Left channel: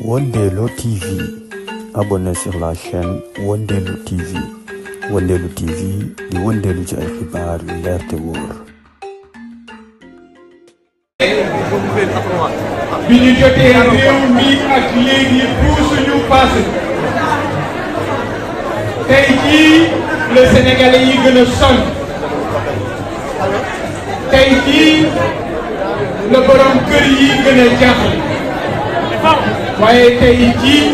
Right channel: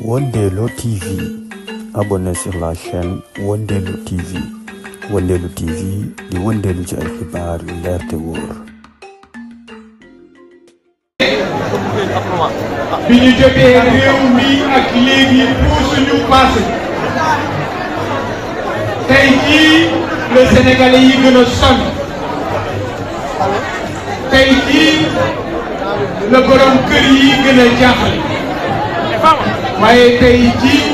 Wondelo TV. Abonnez sur la chaîne Wondelo TV. Wondelo TV di Wondelo ci ay xibaar yu leer te wóor. bi ñu jotee réew mi ak léegi puusuñu paase. tey jii le Sénégalais yi gën a sonn. tey jii le borom kër yi gën a jaaxle. waaye tey jii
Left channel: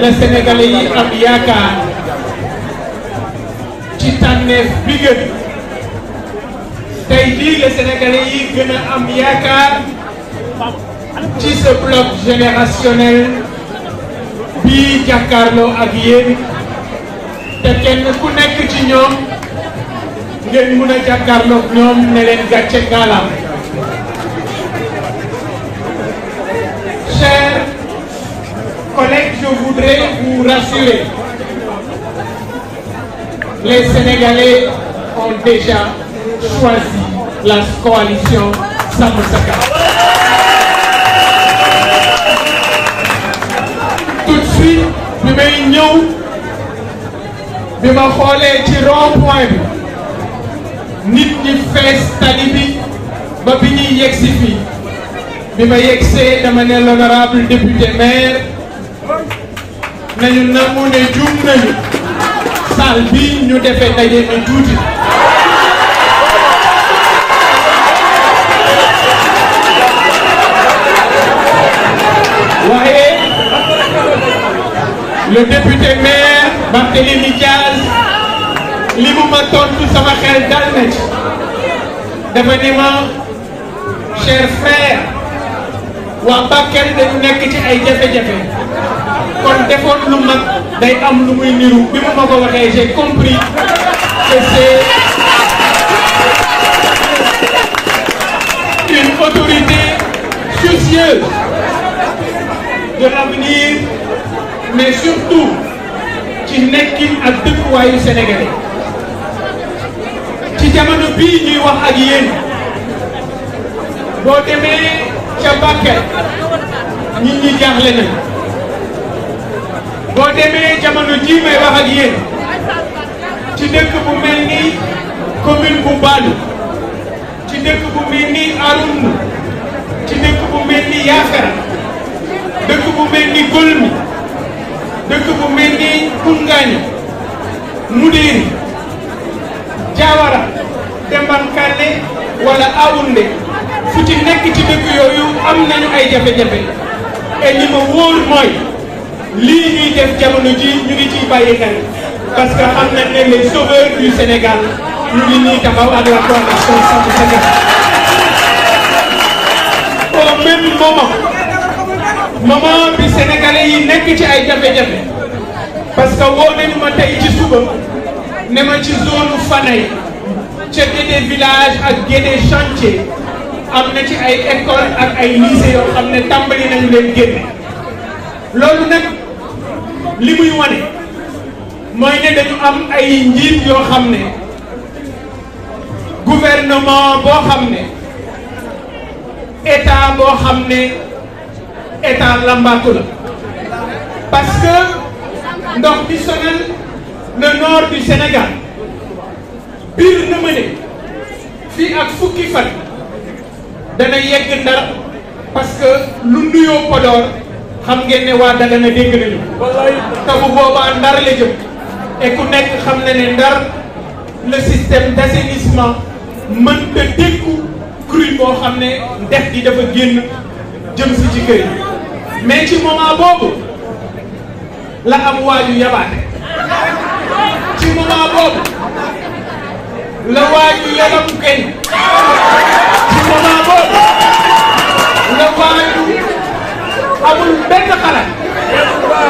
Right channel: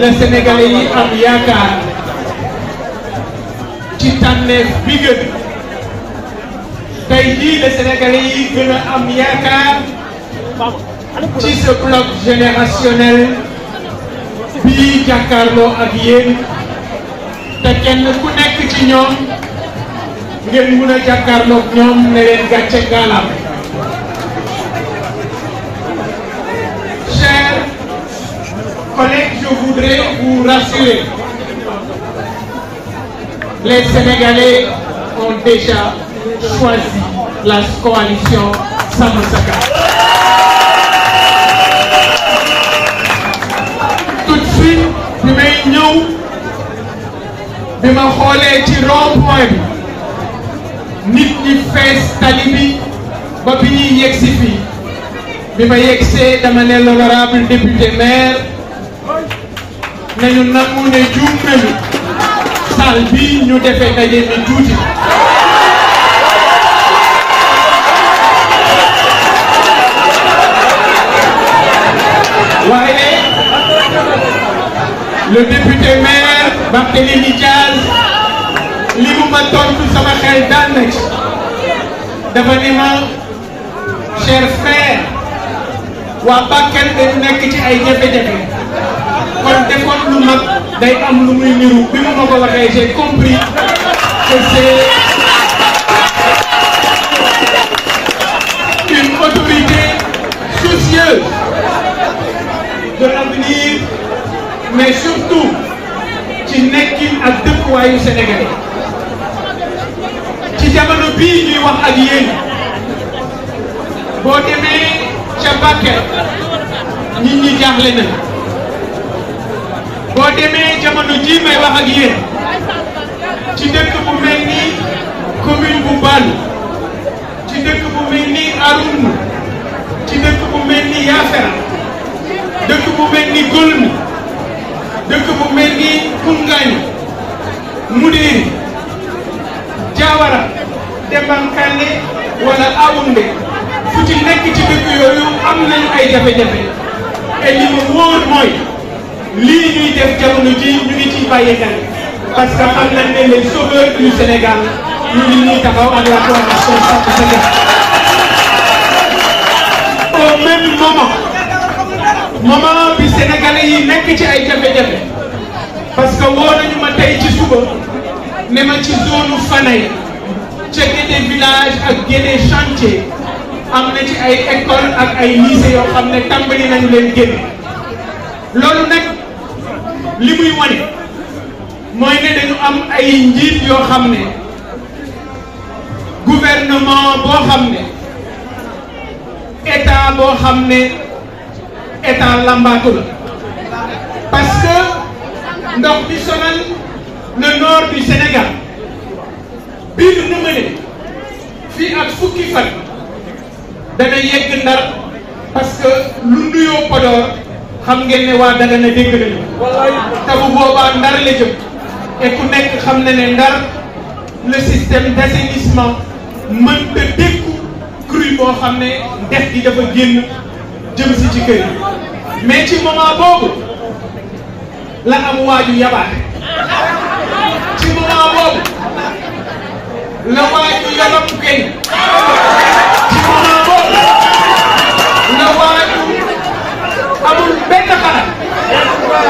le Sénégalais yi am yaakaar ci tànneef bi gën. tey jii le Sénégalais yi gën a am yaakaar ci ce bloc générationnel bii jàkkaarloo ak yéen te kenn ku nekk ci ñoom ngeen mun a jàkkaarloo ak ñoom ne leen gàcce ngalaama. Chers collègues, je voudrais vous rassurer. Les Sénégalais ont déjà choisi la coalition Sàmm Sa Kàddu. Tout de suite bi may ñëw bi ma xoolee ci rond-point bi nit ñi fees tali bi ba bi ñuy yegsi fii bi ma yegsee dama ne l'honorable député maire nañu nangu ne juum nañu salle bi ñu defee ndaje mi tuuti. waaye le député maire Barthélémy Diaz li mu ma tontu sama xel dal na ci dafa ne ma cher frère waa Bakel dañu nekk ci ay jafe-jafe kon defoon lu mag day am lu muy niru bi ma ko waxee j'ai compris que c'est une autorité soucieuse de l'avenir mais surtout ci nekkin ak dëkkuwaayu Sénégalais ci jamono bii ñuy wax ak yéen boo demee ca Bakel nit ñi jaaxle nañ boo demee jamono ji may wax ak yéen ci dëkk bu mel ni commune bu Balu ci dëkk bu mel ni Arouna ci dëkk bu mel ni Yaafara dëkk bu mel ni Golmi dëkk bu mel ni Koungani Moudiri Diawara Dembankane wala Aoundé fu ci nekk ci dëkk yooyu am nañu ay jafe-jafe et li ma wóor mooy lii ñuy def jamono ji ñu ngi ciy bàyyi xel parce que xam nañ ne les sauveurs du Sénégal ñu ngi ñuy taxaw ak la coalition Sàmm Sa Kàddu. Au même moment bi Sénégalais yi nekk ci ay jafe-jafe parce que woo nañu ma tey ci suba ne ma ci zone Fanaye ca Guédé village ak Guédé chantier am na ci ay école ak ay lycée yoo xam ne tàmbali nañu leen génne loolu nag li muy wane mooy ne dañu am ay njiit yoo xam ne gouvernement boo xam ne état boo xam ne état lambaatu la parce que ndox di sonal le nord du Sénégal biir na ma ne fii ak fukki fan dana yegg Ndar parce que lu nuyoo Podor xam ngeen ne waa Dagana dégg nañu te bu boobaa Ndar la jëm et ku nekk xam na ne Ndar le système d'assainissement mënta dékku crue boo xam ne ndex gi dafa génn jëm si ci kër yi mais ci moment boobu la am waaju yabaate ci moment boobu la waaju yaram kenn ci moment boobu la waaju amul benn xalaat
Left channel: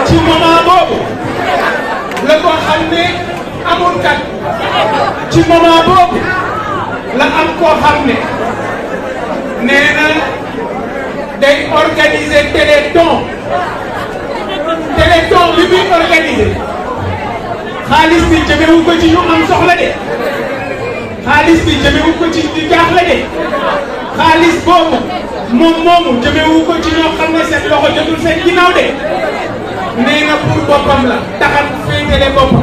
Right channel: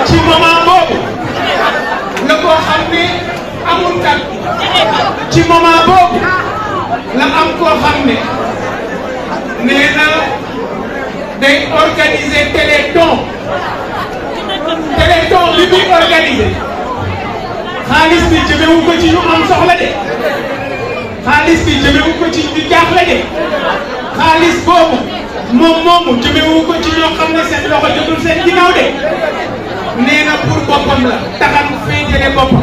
ci moment boobu la ko xam ne amul kat ci moment boobu la am koo xam ne nee na day organiser téléthon li muy organiser xaalis bi jëmewu ko ci ñu am soxla de xaalis bi jëmewu ko ci ñu jaaxle de xaalis boobu moom moomu jëmewu ko ci ñoo xam ne seen loxo jotul seen ginnaaw de nee na pour boppam la taxat féetale boppam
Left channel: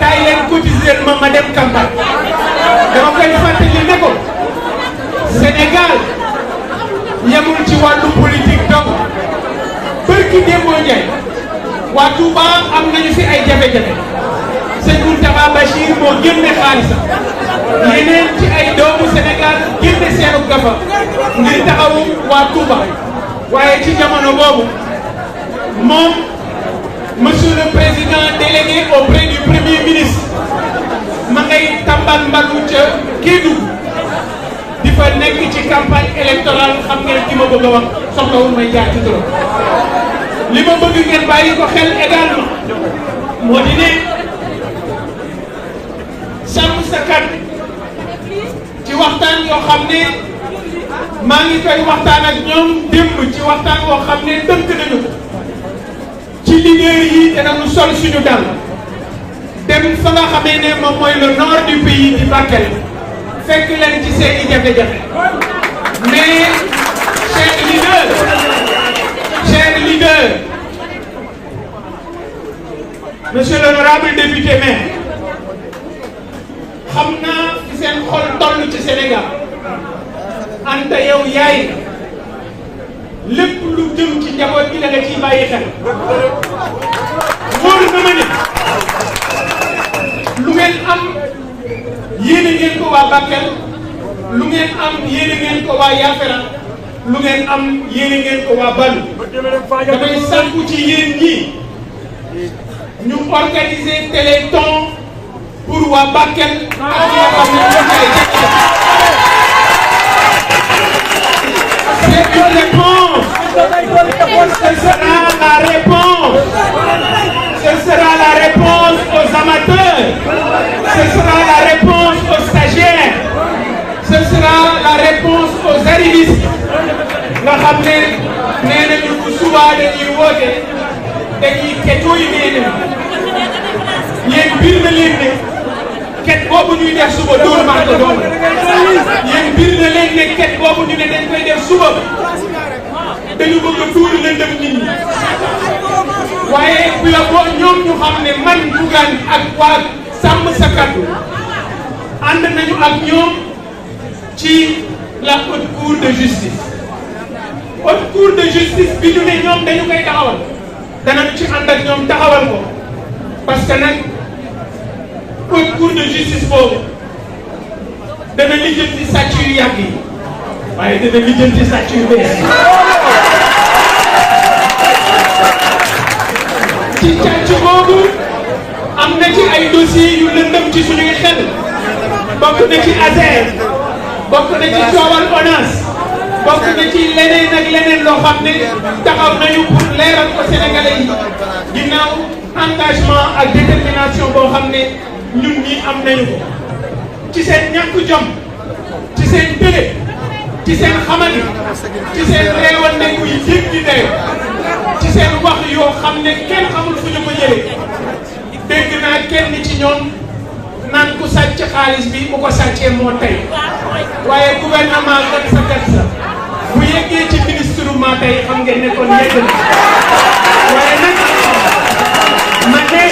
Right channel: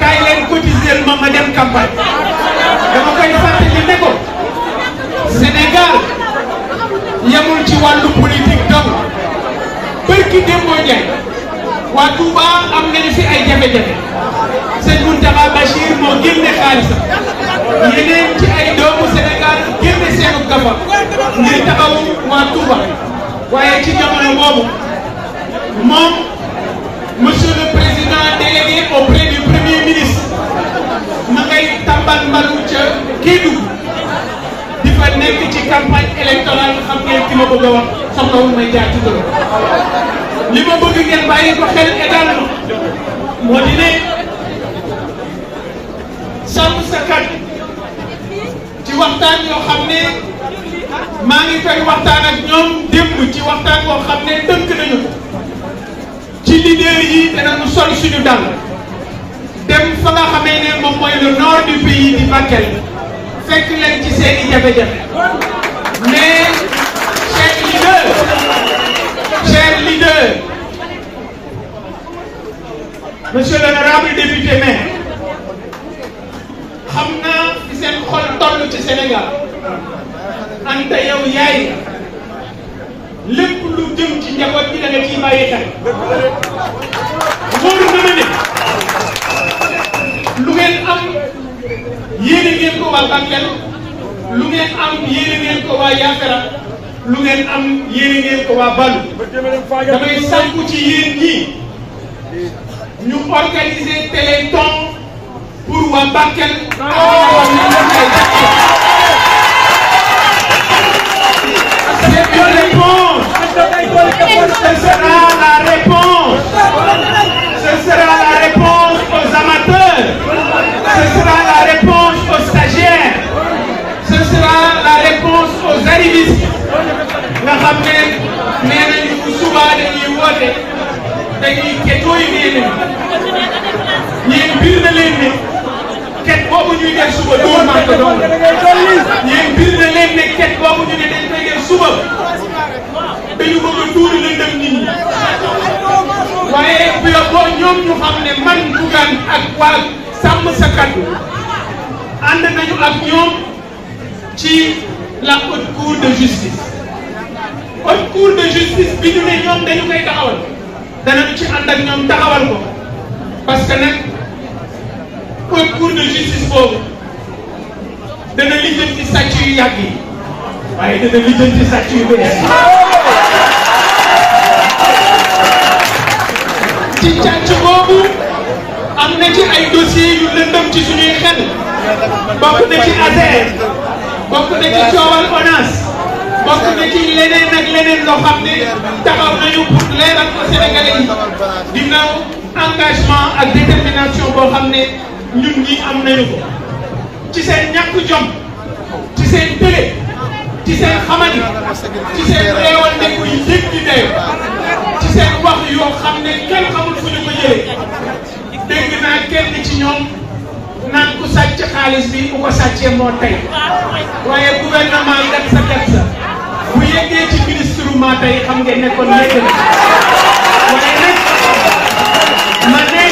kaay leen cotiser ma dem campagne dama koy fàttali ne ko Sénégal yemul ci wàllu politique donc bërki démboo Ndiaye waa Touba am nañu fi ay jafe-jafe sëñ Mountakha Bachir moo génne xaalisam yeneen ci ay doomu Sénégal génne seenu gafa ngir taxawu waa Touba waaye ci jamono boobu moom monsieur le président délégué auprès du premier ministre ma ngay tàmbal mbalu ca Kédougou di fa nekk ci campagne électorale xam ngeen ki ma bëgg a wax soxlawul may jaar ci turam li ma bëgg ngeen bàyyi ko xel également moo di ne sàmm sa kàddu ci waxtaan yoo xam ne maa ngi koy waxtaan ak ñoom démb ci waxtaan boo xam ne tënk nañu ko ci leader yi danañu sol suñu dal dem fa nga xamee ne moom mooy le nord du pays di Bakel fekk leen ci seeni jafe-jafe mais chers leaders monsieur l'honorable député maire xam naa fi seen xol toll ci Sénégal anta yow yaay lépp lu jëm ci njaboot gi da nga ciy bàyyi xel wóor na ma ne lu ngeen am yéene ngeen ko waa Bakel lu ngeen am yéene ngeen ko waa Yafera lu ngeen am yéene ngeen ko waa Balu damay sàkku ci yéen ñi ñu organiser téléthon pour waa Bakel ak ñi nga xam ne ñoom ñooy c'est une réponse. Ce sera la réponse. Ce sera la réponse aux amateurs. Ce sera la réponse aux stagiaires. Ce sera la réponse aux arrivistes. nga xam ne nee nañu bu subaa dañuy woote dañuy ketoo yi yéen biir na leen ne ket boobu ñuy def suba dóor maa ko doon yéen biir na leen ne ket boobu ñu ne dañ koy def suba dañu bëgg a tuur lëndëm nit ñi waaye bi la boo ñoom ñu xam ne man Bougane ak waa sàmm sa kàddu ànd nañu ak ñoom ci la haute cour de justice haute cour de justice bi ñu ne ñoom dañu koy taxawal danañu ci ànd ak ñoom taxawal ko parce que nag haute cour de justice boobu dana lijjanti sàcc yu yàgg yi waaye dana lijjanti sàcc yu bees ci càcc boobu am na ci ay dossiers yu lëndëm ci suñuy xel bokk na ci ASER bokk na ci coowal ONAS bokk na ci leneen ak leneen loo xam ne taxaw nañu pour leeral ko Sénégalais yi ginnaaw engagement ak détermination boo xam ne ñun ñi am nañu ko ci seen ñàkk jom ci seen télé ci seen xamani ci seen réewal nekku yi yëg di deew ci seen wax yoo xam ne kenn xamul fu ñu ko jëlee dégg naa kenn ci ñoom naan ku sàcc xaalis bi bu ko sàccee moo tey waaye gouvernement gat sa bu yeggee ci ministre ma tey xam ngeen ne kon yegg na waaye nag ma ne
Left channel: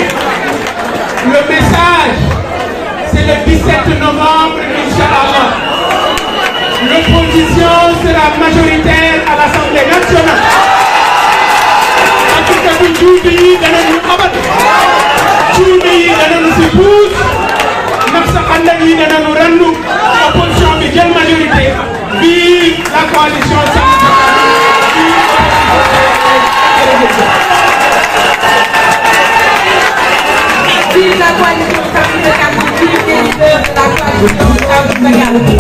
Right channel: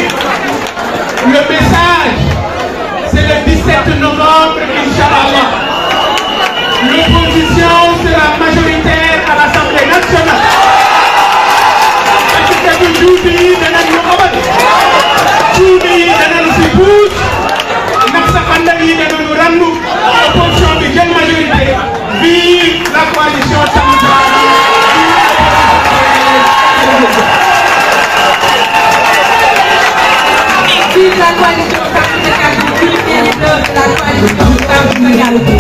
le message c'est le 17 novembre Inch'Allah l'opposition sera majoritaire à l'Assemblée nationale parce que juuti yi danañu abat cuune yi danañu si puus ndax sa xandal yi danañu randu opposition bi jël majorité vive la coalition Sàmm Sa Kàddu. Vive la coalition Sàmm Sa Kàddu, vive les leaders de la coalition Sàmm Sa Kàddu.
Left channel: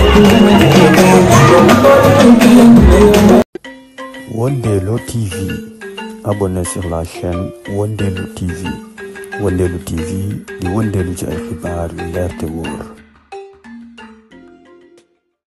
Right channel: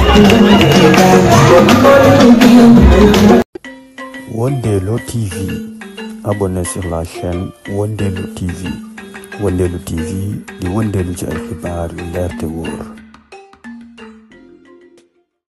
Wondelo TV. Abonnez sur la chaîne Wondelo TV. Wondelo TV di wondelu ci ay xibaar yu leer te wóor.